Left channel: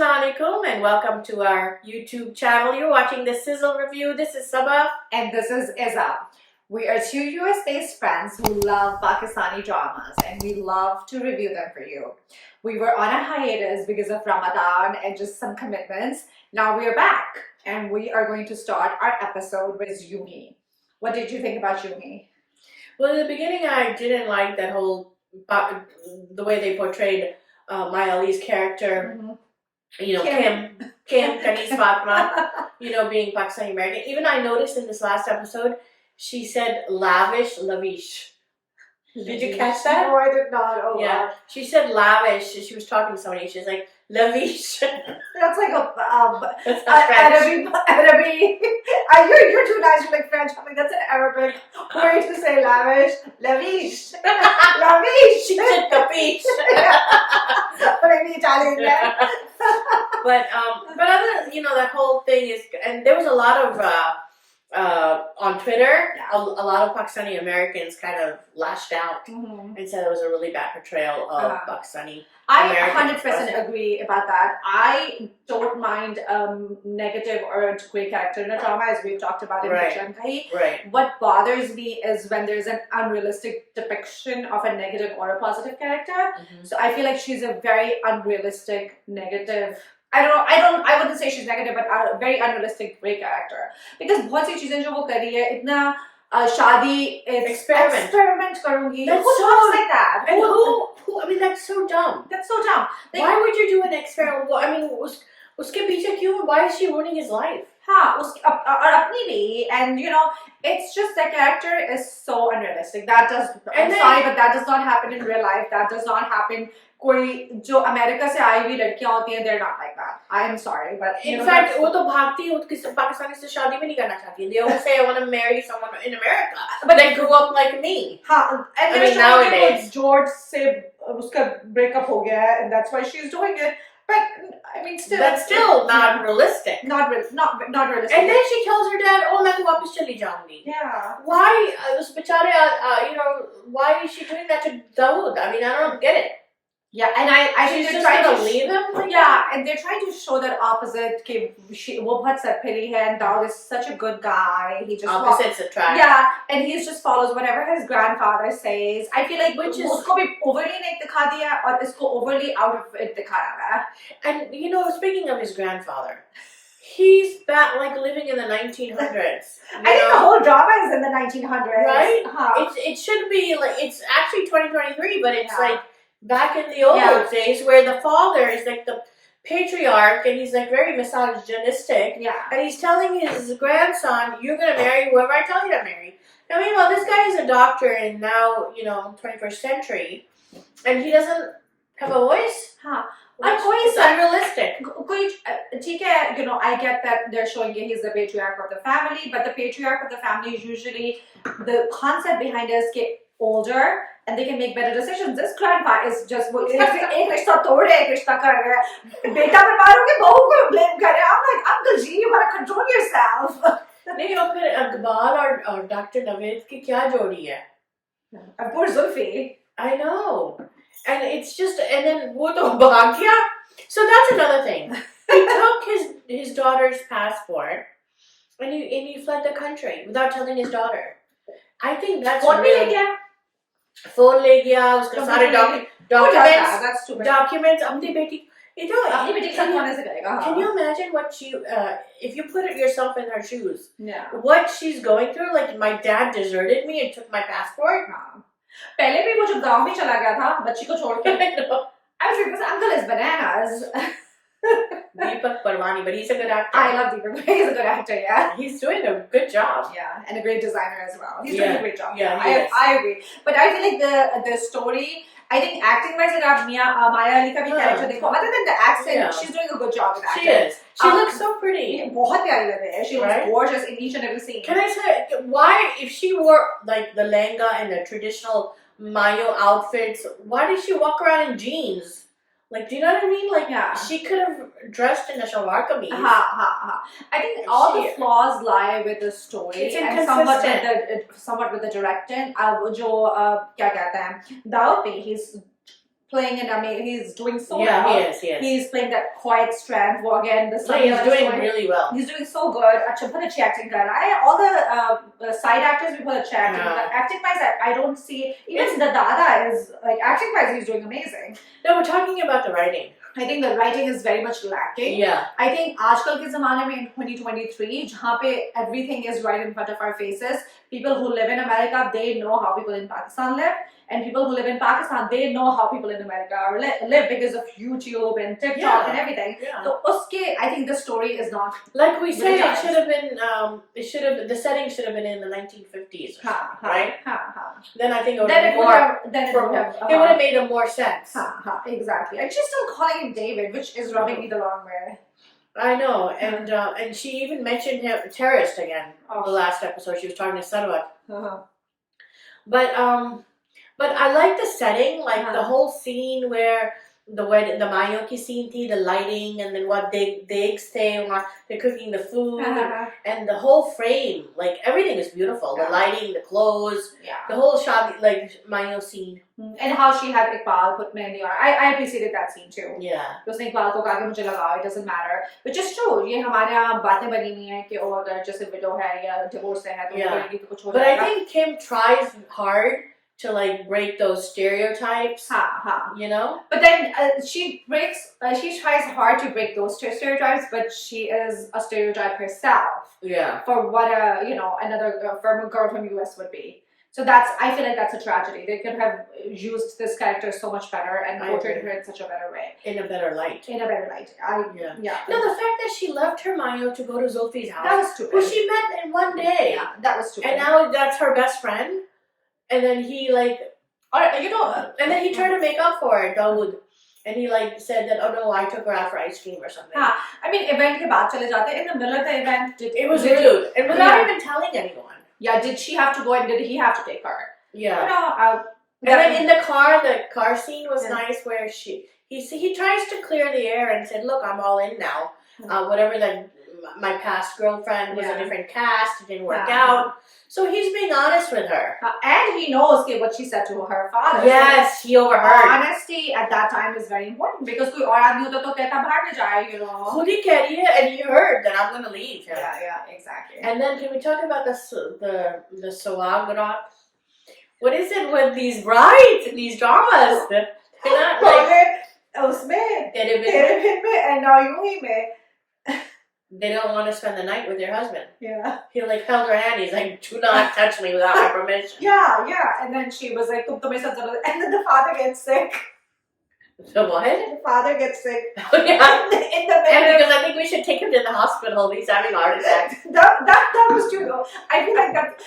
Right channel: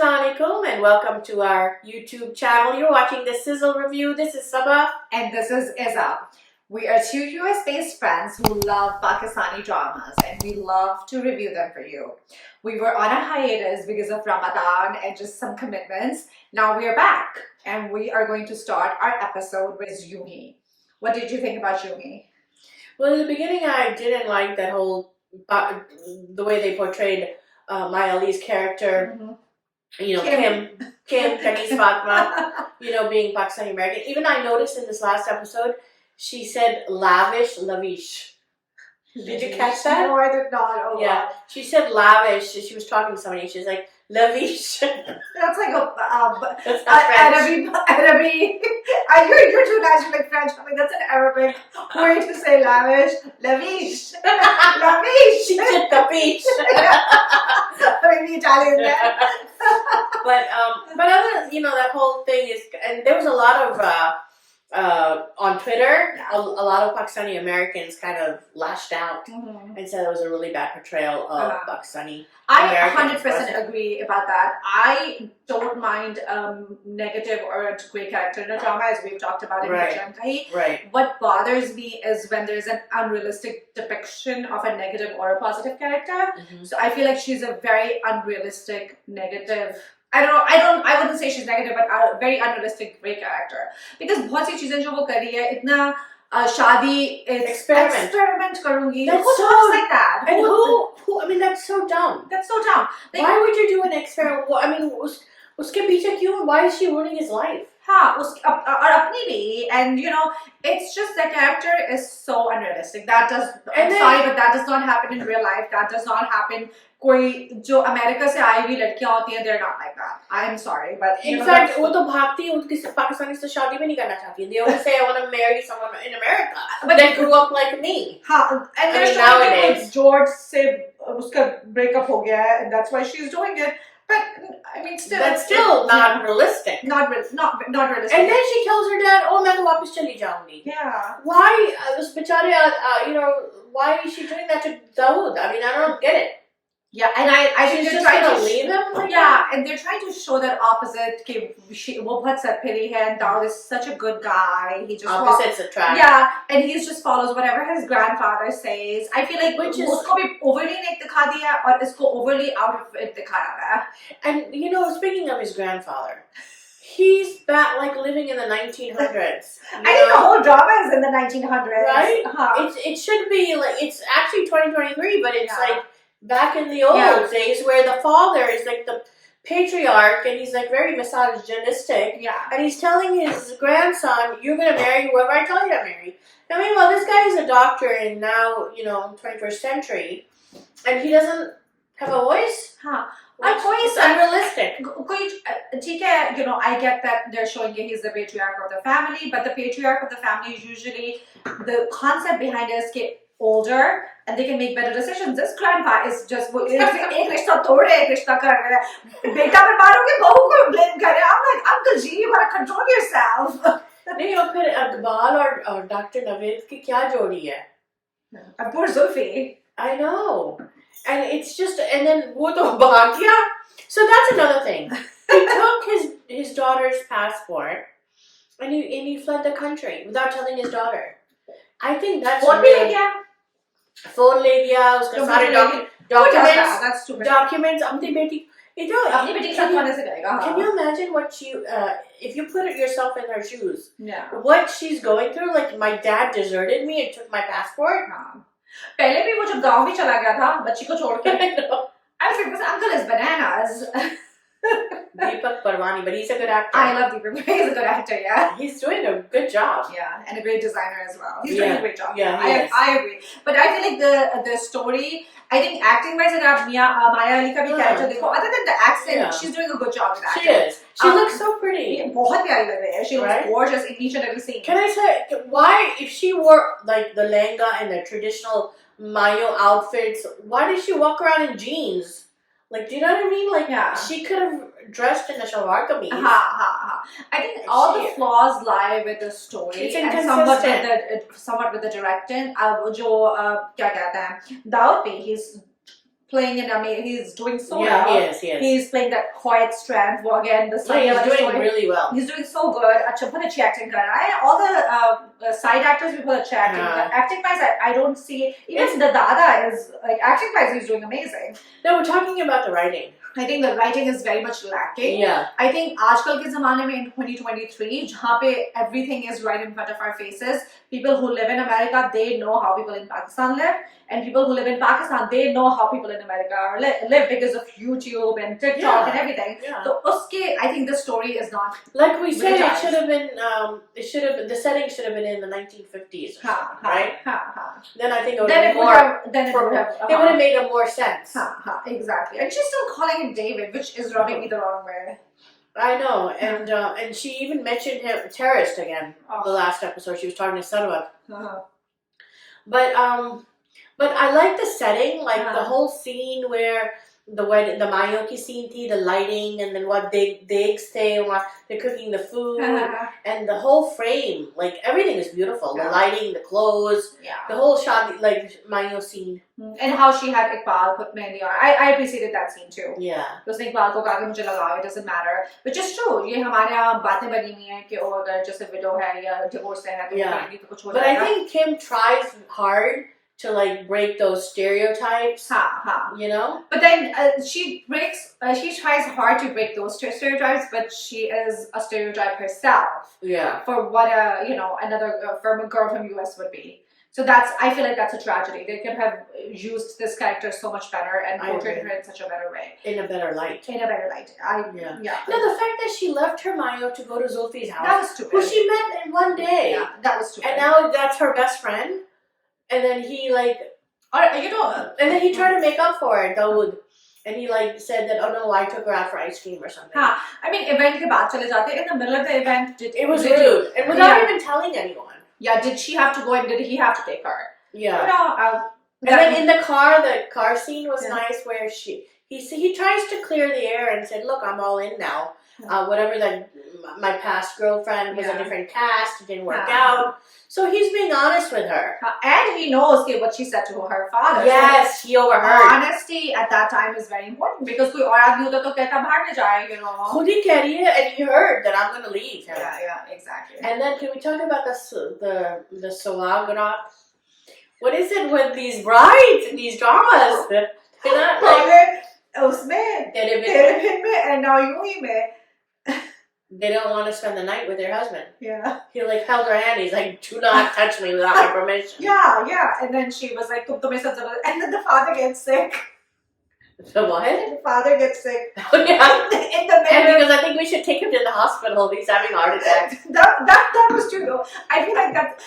Assalamu alaikum and welcome to our YouTube channel. You're watching the Sizzle review. This is Sabah. And this is Izza. We are two US-based friends who love Pakistani dramas and we love to review them for you. We were on a hiatus because of Ramadan and just some commitments. Now we are back and we are going to start our episode with Yunhi. What did you think about Yunhi? Well, in the beginning, I didn't like that whole, the way they portrayed Maya Ali's character. Mm-hmm. You know, Kim, Kanis Fatma, you know, being Pakistani American. Even I noticed in this last episode, she said lavish. Did you catch that? No, I did not. Oh, yeah. wow. She said lavish. She was talking to somebody. She's like, lavish. That's like That's not French. Arabic. You're too natural like French. I mean, that's an Arabic way to say lavish. Lavish. Lavish. She said capiche. Maybe Italian there. But other, you know, that whole thing is, and there was a lot of on Twitter, a lot of Pakistani Americans kind of lashed out and said it was a really bad portrayal of Pakistani Americans. I 100% agree about that. I don't mind negative or a great character in a drama, as we've talked about in Yunhi. Right. What bothers me is when there's an unrealistic depiction of a negative or a positive character. So I feel like she's a very unrealistic negative. I wouldn't say she's negative, but a very unrealistic great character. Because बहुत सी चीजें जो वो कर रही है, इतना शादी experiment करूँगी. Who talks like that? And who? I mean, that's so dumb. That's so dumb. Like, why would you do an experiment? Well, I mean, उसके पीछे क्यों? Why is she ruining his life? और अपनी भी, and you know, it's just the character is so unrealistic. I'm sorry, but that does not happen in real life. That does not happen. कोई जो America से आई हुई लड़कियां होती हैं, they're not like that. I am sorry, but in fact, वो तो भागती है, किसी पाकिस्तानी से शादी भी नहीं करना चाहती. They always say I want to marry someone in America, but they grew up like me. हाँ, and I mean, nowadays George से उसका breakup हो गया है, and that's why she's doing it. But I mean, that's still not realistic. Not realistic. And then she tells her dad, "Oh, मैं तो वापस चली जाऊंगी." Yeah. Why? उस बेचारे, you know, why is she doing that to Dawood? I mean, I don't get it. Yeah, and I think they're trying to leave him. And they're trying to show that opposite. वो बहुत सरफिरी है, and Dawood is such a good guy. He just opposites attract. Yeah, and he just follows whatever his grandfather says. I feel like उसको भी overly नहीं दिखा दिया और इसको overly out of it दिखाया है. And you know, speaking of his grandfather, he's back like living in the 1900s. I think the whole drama is in the 1900s, right? It should be like, it's actually 2023, but it's like back in the old days where the father is like the patriarch and he's like very misogynistic. Yeah. And he's telling his grandson, "You're going to marry whoever I tell you to marry." I mean, well, this guy is a doctor in now, you know, 21st century, and he doesn't have a voice. It's unrealistic. You know, I get that they're showing you he's the patriarch of the family, but the patriarch of the family is usually, the concept behind it is get older and they can make better decisions. This grandpa is just एक रिश्ता तोड़ रहे, एक रिश्ता कर रहे हैं. बेटा बीमार हो गया, बहू को blame कर रहे हैं. I'm like, Uncle G, you gotta control yourself. नहीं, और फिर अकबाल और डॉक्टर नवेद की क्या जोड़ी है? And poor Zulfi. I know. And it's just, and then वो तो भाग गया. So that's another thing. He took his daughter's passport and he fled the country without telling his daughter. I think that's phone ले गया, उसका सारे documents अपनी बेटी, you know, अपनी बेटी के साथ होने से करेगा. Can you imagine what if you put yourself in her shoes? Yeah. What she's going through? Like, my dad deserted me and took my passport. पहले भी वो जो गांव भी चला गया था बच्ची को छोड़ के. I was like, this uncle is bananas. Deepak Parwani, but he's a good actor. I love Deepak. He's a good actor, yeah. He's doing a good job. Yeah, and a great designer as well. He's doing a great job. Yeah, I agree. But I feel like the story, I think acting wise, अगर आप Maya Ali का भी character देखो, other than the accent, she's doing a good job with acting. She is. She looks so pretty. बहुत प्यारी लग रही है. She looks gorgeous in each and every scene. Can I say why, if she wore like the lehenga and the traditional Mayo outfits, why did she walk around in jeans? Like, do you know what I mean? Like, she could have dressed in a shalwar kameez. I think all the flaws lie with the story. It's and somewhat with the directing. जो क्या कहते हैं, Dawood, he's playing he's doing so Yeah, well. he is. He's playing that quiet strength. Well, again, the He's doing really well. He's doing so good. अच्छा बहुत अच्छी acting कर रहा है. All the side actors भी बहुत अच्छे acting. Acting wise, I don't see even the Dada is like acting wise he's doing amazing. No, we're talking about the writing. I think the writing is very much lacking. Yeah. I think आजकल के ज़माने में in 2023 जहाँ पे everything is right in front of our faces, people who live in America, they know how people in Pakistan live, and people who live in Pakistan, they know how people in America live because of YouTube and TikTok and everything. Yeah. So uske, I think the story is not like we said. It should have been. The setting should have been in the 1950s, right? Then I think it would have been more. It would have made more sense. Exactly. And she's still calling him David, which is rubbing me the wrong way. I know, and she even mentioned him terrorist again. The last episode, she was talking to Sarwat. But I like the setting, like the whole scene where the Mayo ki scene thi, the lighting, and then what they stay, they're cooking the food, and the whole frame, like everything is beautiful. The lighting, the clothes, the whole shot, like Mayo scene. And how she had Iqbal put Mehndi on. I appreciated that scene too. Yeah. उसने Iqbal को कहा कि मुझे लगाओ, it doesn't matter. Which is true. ये हमारे यहाँ बातें बनी हुई हैं कि वो अगर जैसे widow है या divorce है तो करेगी तो कुछ हो जाएगा. But I think Kim tries hard to like break those stereotypes. You know? But then she tries hard to break those stereotypes, but she is a stereotype herself. Yeah. For what another from a girl from US would be. So I feel like that's a tragedy. They could have used this character so much better and portrayed her in such a better way. In a better light. In a better light. Yeah. No, the fact that she left her Mayo to go to Zulfi's house. That was stupid. Who she met in one day. Yeah, that was stupid. And now that's her best friend. And then he and then he tried to make up for it, Dawood. And he like said that, oh no, I took her out for ice cream or something. I mean, event ke baad chale jate. In the middle of the event, it was rude. And without even telling anyone. Yeah, did she have to go and did he have to take her? Yeah. And then in the car scene was nice where he tries to clear the air and said, look, I'm all in now. Whatever, like my past girlfriend was a different cast, it didn't work out. So he's being honest with her. And he knows what she said to her father. Yes, he overheard. Honesty at that time is very important because कोई और आदमी होता तो कहता बाहर में जाए, खुद ही कह रही है, and he heard that I'm going to leave him. Yeah, exactly. And then can we talk about the Sawagrat? What is it with these brides and these dramas? They're not like... उसमें, and now Yunhi में. They don't want to spend the night with their husband. Yeah. He like held her hand. He's like, do not touch me without my permission. Yeah. And then she was like, and then the father gets sick. The what? The father gets sick. Oh, yeah. In the middle. Because I think we should take him to the hospital. He's having a heart attack. That was true though. I feel like that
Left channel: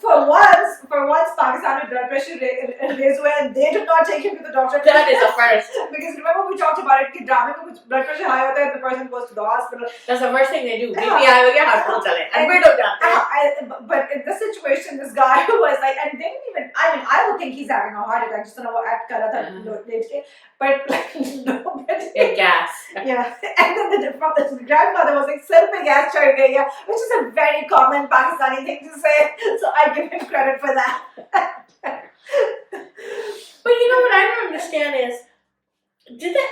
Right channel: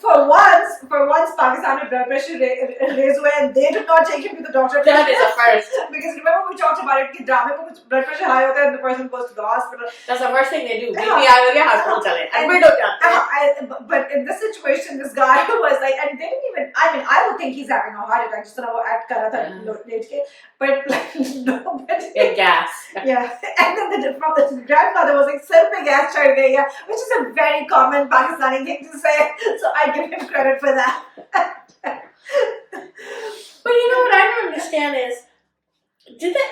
for once Pakistani blood pressure raised when they did not take him to the doctor. That is a first. Because remember we talked about it, drama mein kuch blood pressure high hota hai and the person goes to the hospital. That's the first thing they do. BP high ho gaya, hospital chale. And we don't have But in this situation, this guy was like, and they didn't even, I mean, I would think he's having a heart attack, just to know act kar raha tha, but like, nobody. Get gas. Yeah. And then the grandmother was like, sir pe gas chad gayi hai, which is a very common Pakistani thing to say. So I give him credit for that. But you know what I don't understand is, did that,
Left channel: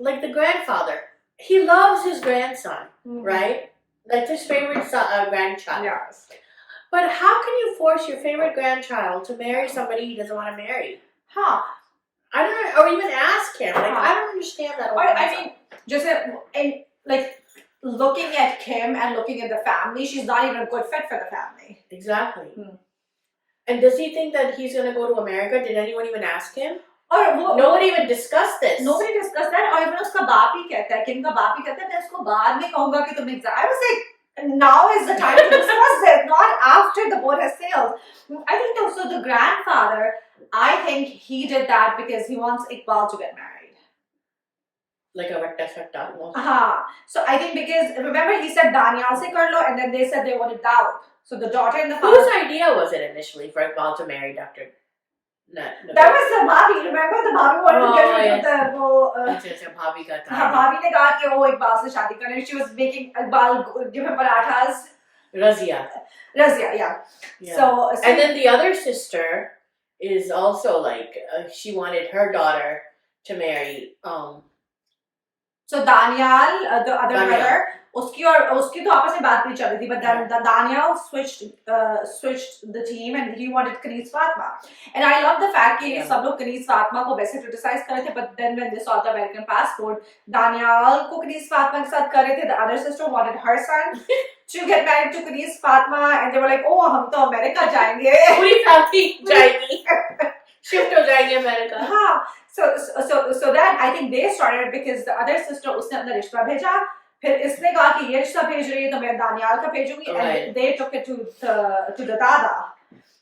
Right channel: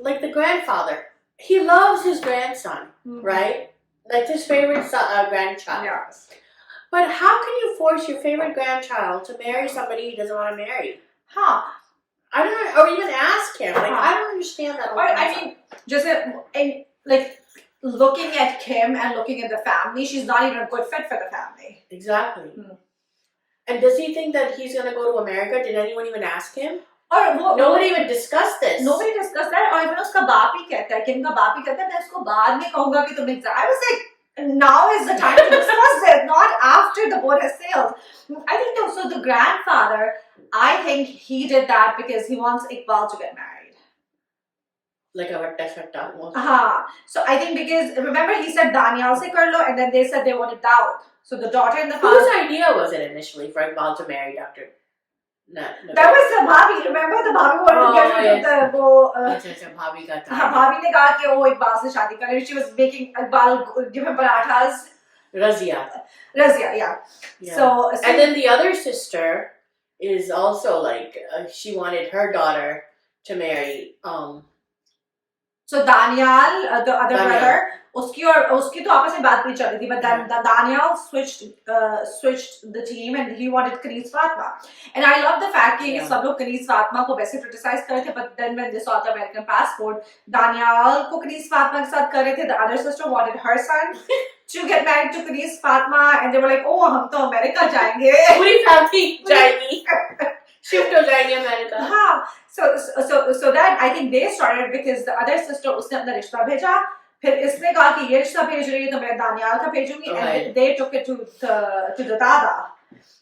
like the grandfather, he loves his grandson, right? Like his favorite grandchild. Yes. But how can you force your favorite grandchild to marry somebody he doesn't want to marry? I don't know, or even ask him. Like, I don't understand that. I mean, just like looking at Kim and looking at the family, she's not even a good fit for the family. Exactly. And does he think that he's going to go to America? Did anyone even ask him? Nobody even discussed this. Nobody discussed that. और even उसका बाप ही कहता है, Kim का बाप ही कहता है, मैं उसको बाद में कहूँगा कि तुम exam. I was like, now is the time to discuss it, not after the boat has sailed. I think also the grandfather, I think he did that because he wants Iqbal to get married. Like a effect almost. So I think because, remember he said Daniel se kar lo, and then they said they wanted Dawood. So the daughter and the father. Whose idea was it initially for Iqbal to marry Dr. No, that was the Bhabhi. Remember the Bhabhi wanted to get the Bhabhi ka Bhabhi ne kaha ki wo Iqbal se shaadi karne. She was making Iqbal give him parathas. Razia, yeah. So and then the other sister is also like she wanted her daughter to marry So Daniel, the other Daniel. brother, उसकी तो आपस में बात नहीं चल रही थी, but then Daniel switched the team and he wanted Kanis Fatma. And I love the fact कि सब लोग Kanis Fatma को वैसे criticize कर रहे थे, but then when they saw the American passport, Daniel को Kanis Fatma के साथ कर रहे थे. The other sister wanted her son to get married to Kanis Fatma, and they were like, oh, हम तो अमेरिका जाएंगे. पूरी family जाएगी. Shift हो जाएंगे अमेरिका. हाँ. So that I think they started because the other sister उसने अपना रिश्ता भेजा, फिर इसने कहा कि ये रिश्ता भेज रही है तो मैं दानियाल का भेजूंगी, and they took it to the dada,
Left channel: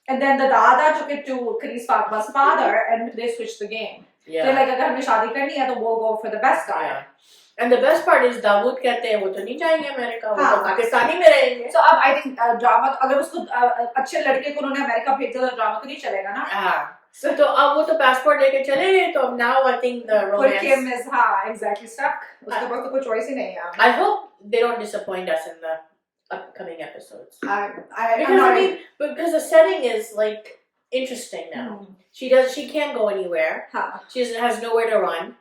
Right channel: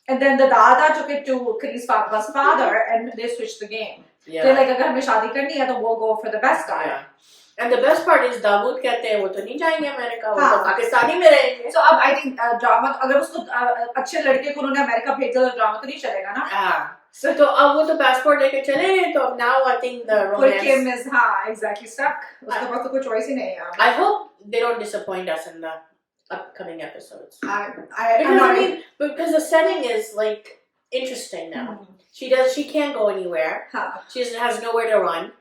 and then the dada took it to Kanis Fatma's father, and they switched the game. They're like, अगर हमें शादी करनी है तो we'll go for the best guy. Yeah. And the best part is Dawood कहते हैं वो तो नहीं जाएंगे अमेरिका, वो तो पाकिस्तानी में रहेंगे. So अब I think ड्रामा अगर उसको अच्छे लड़के को उन्होंने अमेरिका भेजा तो ड्रामा तो नहीं चलेगा ना. So तो अब वो तो passport लेके चले गए, तो now I think the romance. Kim is exactly stuck. उसके पास तो कोई choice ही नहीं है. I hope they don't disappoint us in the upcoming episodes. Because the setting is like interesting now. She can't go anywhere. She has nowhere to run.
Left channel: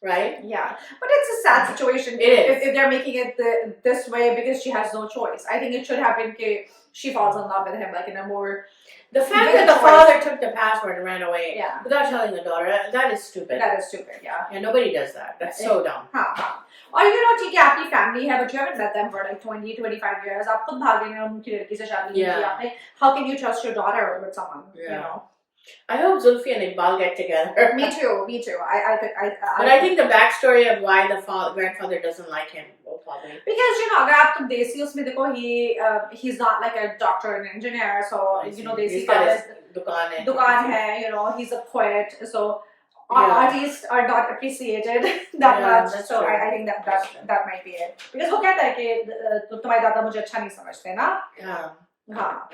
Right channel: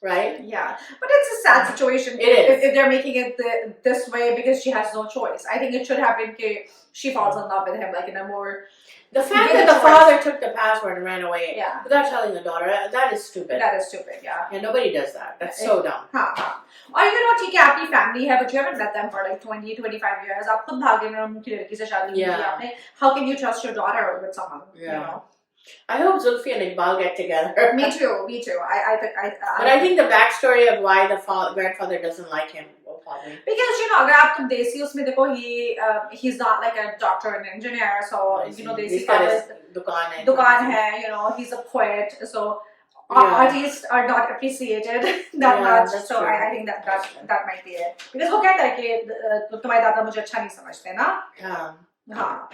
Right? Yeah, but it's a sad situation if they're making it this way because she has no choice. I think it should have been she falls in love with him like in a more. The fact that the father took the passport and ran away without telling the daughter, that is stupid. That is stupid, yeah. Yeah, nobody does that. That's so dumb. Or ठीक है आपकी family है, but you haven't met them for like 20-25 years. आप खुद भागे में उनकी लड़की से शादी की आपने. How can you trust your daughter with someone? Yeah. You know. I hope Zulfi and Iqbal get together. Me too. But I think the backstory of why the grandfather doesn't like him will probably because अगर आप तुम देसी उसमें देखो he's not like a doctor and engineer, so देसी दुकान है, he's a poet, so artists are not appreciated that much. So I think that might be it. Because वो कहता है कि तुम्हारे दादा मुझे अच्छा नहीं समझते ना. हाँ.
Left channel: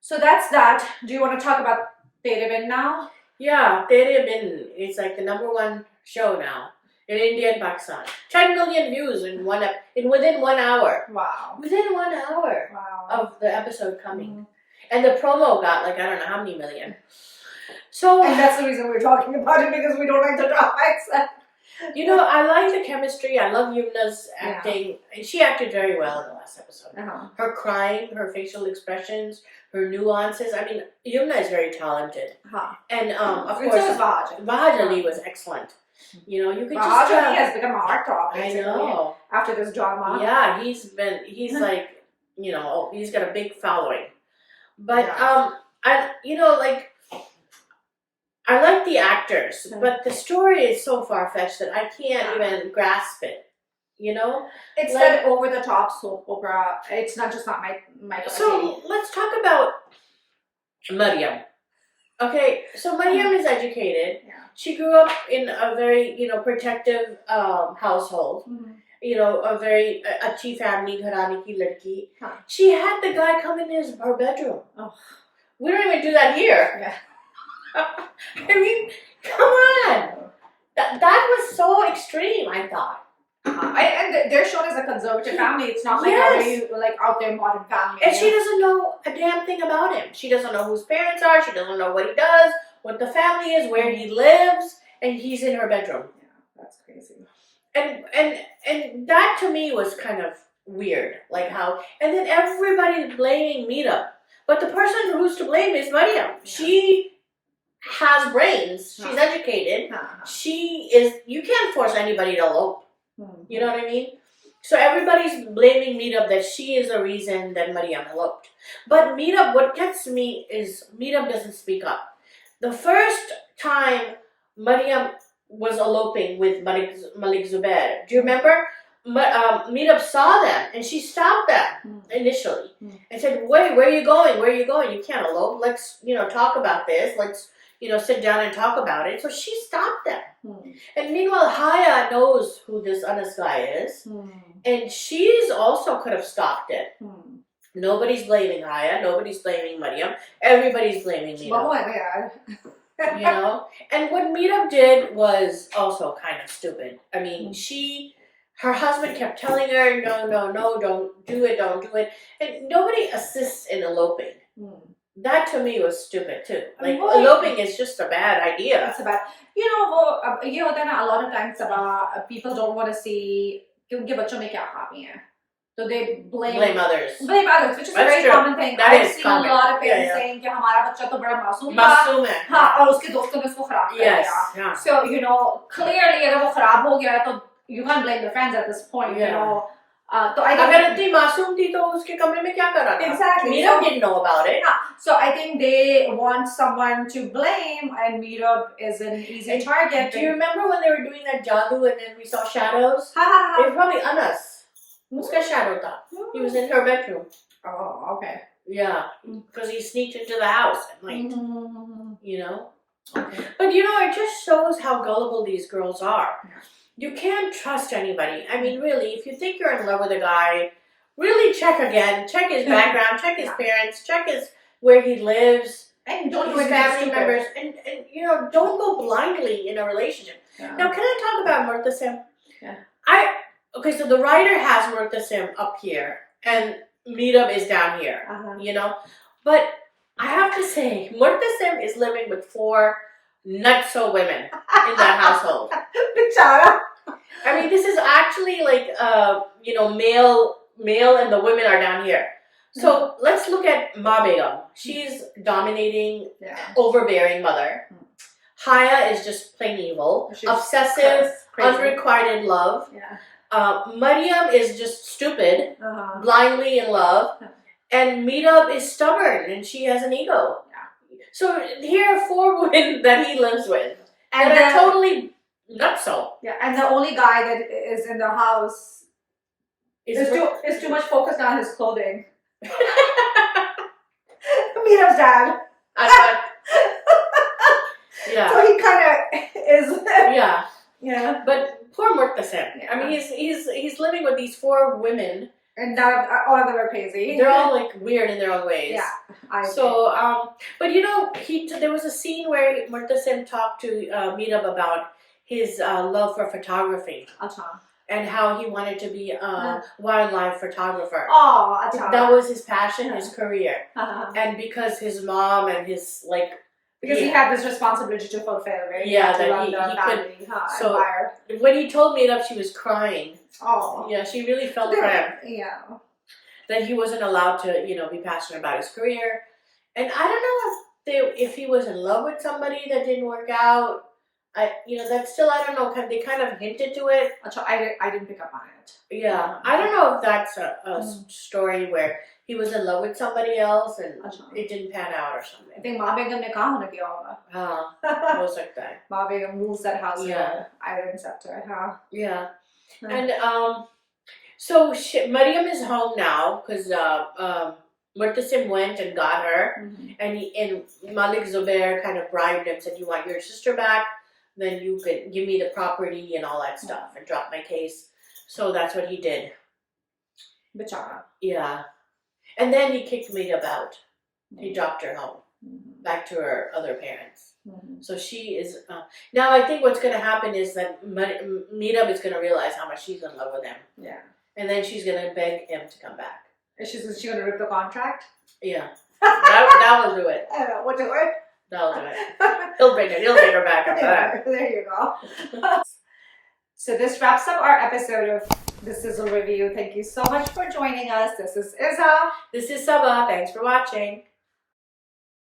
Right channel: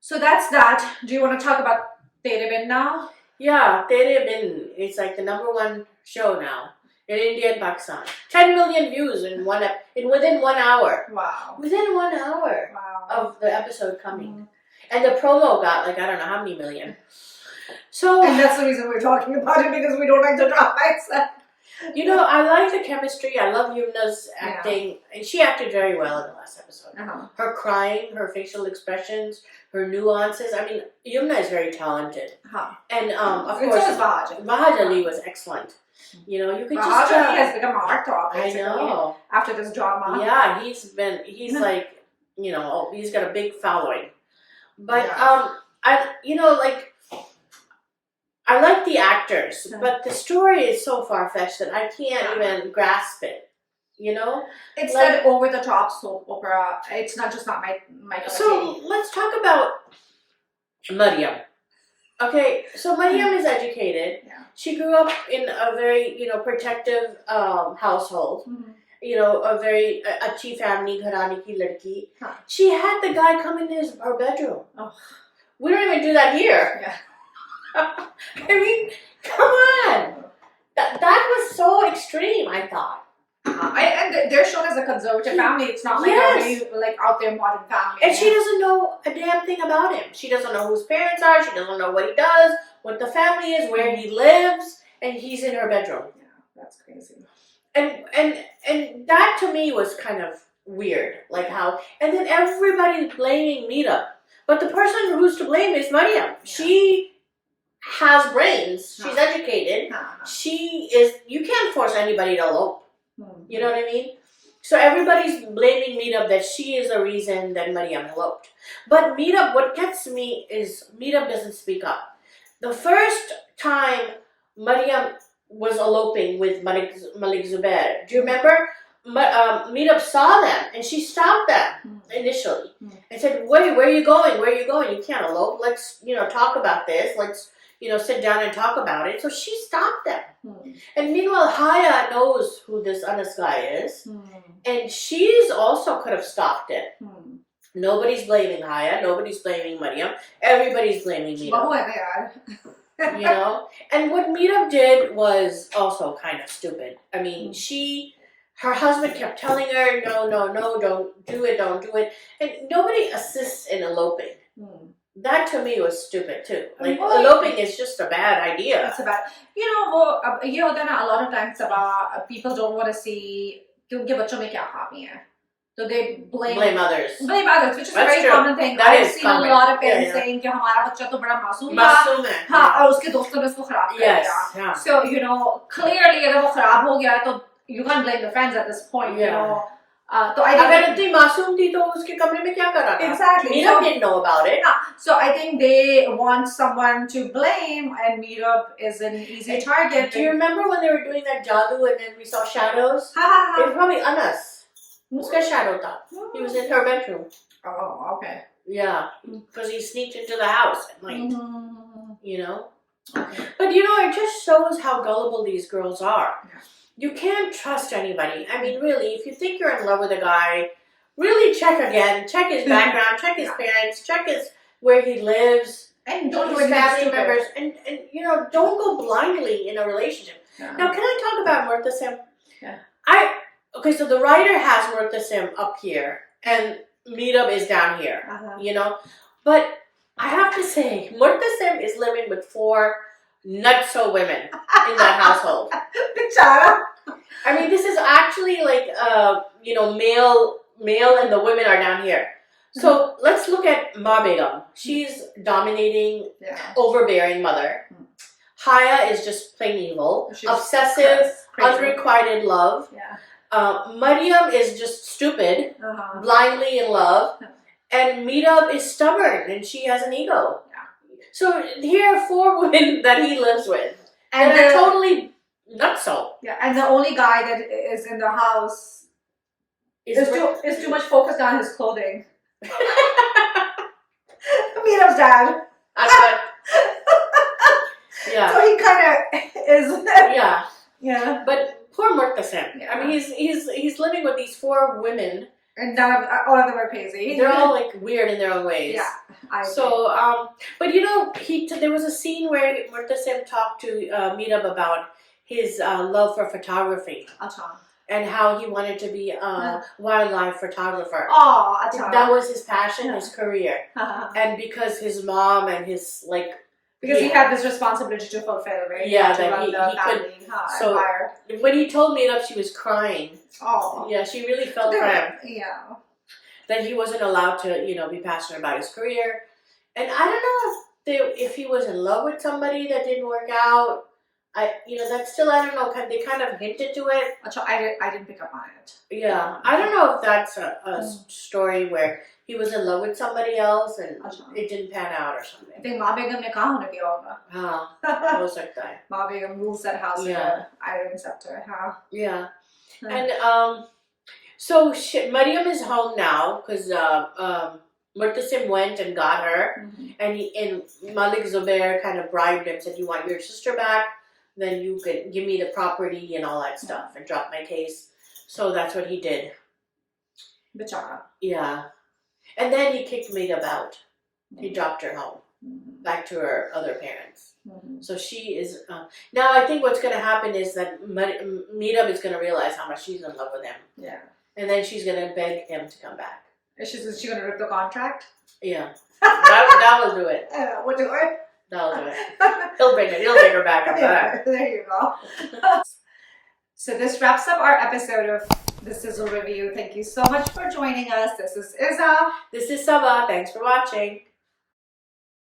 So that's that. Do you want to talk about Tere Bin now? Yeah, Tere Bin is like the #1 show now in India and Pakistan. 10 million views within 1 hour. Wow. Within 1 hour of the episode coming. And the promo got like, I don't know how many million. So, and that's the reason we're talking about it, because we don't like the drama accent. I like the chemistry. I love Yumna's acting. And she acted very well in the last episode. Her crying, her facial expressions, her nuances. I mean, Yumna is very talented. And of course, Bahaj Ali was excellent. You could just Bahaj Ali has become a heartthrob. I know. After this drama. Yeah, he's like, he's got a big following. But, I like the actors, but the story is so far-fetched that I can't even grasp it. It's like an over-the-top soap opera. It's not my So let's talk about Mariam. Okay, so Mariam is educated. She grew up in a very protective household. A very अच्छी family, घराने की लड़की. She had the guy come in her bedroom. We don't even do that here. I mean, come on. That was so extreme, I thought. And they're shown as a conservative family. It's not like a very out there modern family. And she doesn't know a damn thing about him. She doesn't know who his parents are. She doesn't know what he does, what the family is, where he lives, and he's in her bedroom. Yeah, that's crazy. And that to me was kind of weird, like how. And then everybody's blaming Meera, but the person who's to blame is Mariam. She has brains. She's educated. You can't force anybody to elope. You know what I mean? So everybody's blaming Meera that she is the reason that Mariam eloped. But Meera, what gets me is Meera doesn't speak up. The first time Mariam was eloping with Malik Zubair, do you remember? Meera saw them and she stopped them initially and said, wait, where are you going? Where are you going? You can't elope. Let's, talk about this. Let's, sit down and talk about it. So she stopped them. And meanwhile, Haya knows who this Anas guy is. And she's also could have stopped it. Nobody's blaming Haya. Nobody's blaming Mariam. Everybody's blaming Meera. And what Meera did was also kind of stupid. I mean, her husband kept telling her, no, don't do it. And nobody assists in eloping. That to me was stupid too. Like Well, eloping is just a bad idea. It's about, ये होता है ना, a lot of times about people don't want to see कि उनके बच्चों में क्या खामी है. So they blame others. Blame others, which is a That's very true. common thing. That I've is seen common. a lot of parents Yeah. saying कि हमारा बच्चा तो बड़ा मासूम था. मासूम है. हाँ, और उसके दोस्तों ने उसको खराब कर Yes. दिया. Yeah. So clearly अगर वो खराब हो गया तो you can't blame the friends at this point. Yeah. तो I think अगर इतनी मासूम थी तो उसके कमरे में क्या कर रहा था? Exactly. Meetup didn't know about it. So I think they want someone to blame, and Meetup is an easy target. Do you remember when they were doing that jadoo and then we saw shadows? Ha ha It ha. was probably Anas. Uska shadow tha. He was in her bedroom. Oh, okay. Yeah, because he sneaked into the house at night. Mm-hmm. Okay. But it just shows how gullible these girls are. Yeah. You can't trust anybody. I mean, really, if you think you're in love with a guy, really check again. Check his background, check his parents, check where he lives, And don't do his anything family stupid. members, and don't go blindly in a relationship. Yeah. Now, can I talk about Murtha Sim? Yeah. Okay, so the writer has Murtha Sim up here, and Meetup is down here. But I have to say, Murtha Sim is living with 4 nutso women in that household. Bichara. I mean, this is actually like, male and the women are down here. So let's look at Ma Begum. She's dominating, overbearing mother. Haya is just plain evil, She's obsessive, crazy. unrequited love. Yeah. Mariam is just stupid, blindly in love. And Meetup is stubborn and she has an ego. Yeah. So here are 4 women that he lives with. And they're totally nutso. Yeah, and the only guy that is in the house is too much focused on his clothing. Meetup's dad. Yeah. So he kind of is. Yeah. Yeah. But poor Murtha Sim. Yeah. I mean, he's living with these 4 women. And all of them are crazy. They're all like weird in their own ways. Yeah. But there was a scene where Murtha Sim talked to Meetup about his love for photography. Acha. And how he wanted to be a wildlife photographer. Oh, acha. That was his passion, his career. And because his mom and his because he had this responsibility to fulfill, right? Yeah, to that run he family, couldn't. So empire. when he told Meetup, she was crying. Oh. Yeah, she really felt for him. Yeah. That he wasn't allowed to, be passionate about his career. And I don't know if he was in love with somebody that didn't work out. That's still, I don't know, they kind of hinted to it. I didn't pick up on it. Yeah, I don't know if that's a story where he was in love with somebody else and it didn't pan out or something. I think Ma Begum ne kaha hone diya hoga. हाँ, हो सकता है. Ma Begum rules that house with Yeah. an iron scepter. Huh? Yeah. And so Mariam is home now because Murtha Sim went and got her, and Malik Zubair kind of bribed him, said, "You want your sister back? Then you could give me the property and all that stuff and drop my case." So that's what he did. Bichara. Yeah. And then he kicked Meetup out. He dropped her home, back to her other parents. So she is... now I think what's going to happen is that Meetup is going to realize how much she's in love with him. Yeah. And then she's going to beg him to come back. Is she going to rip the contract? Yeah. that will do it. I don't know. What do it? That'll do it. He'll bring it. He'll take her back after that. There you go. So this wraps up our episode of the Sizzle Review. Thank you so much for joining us. This is Izza. This is Saba. Thanks for watching.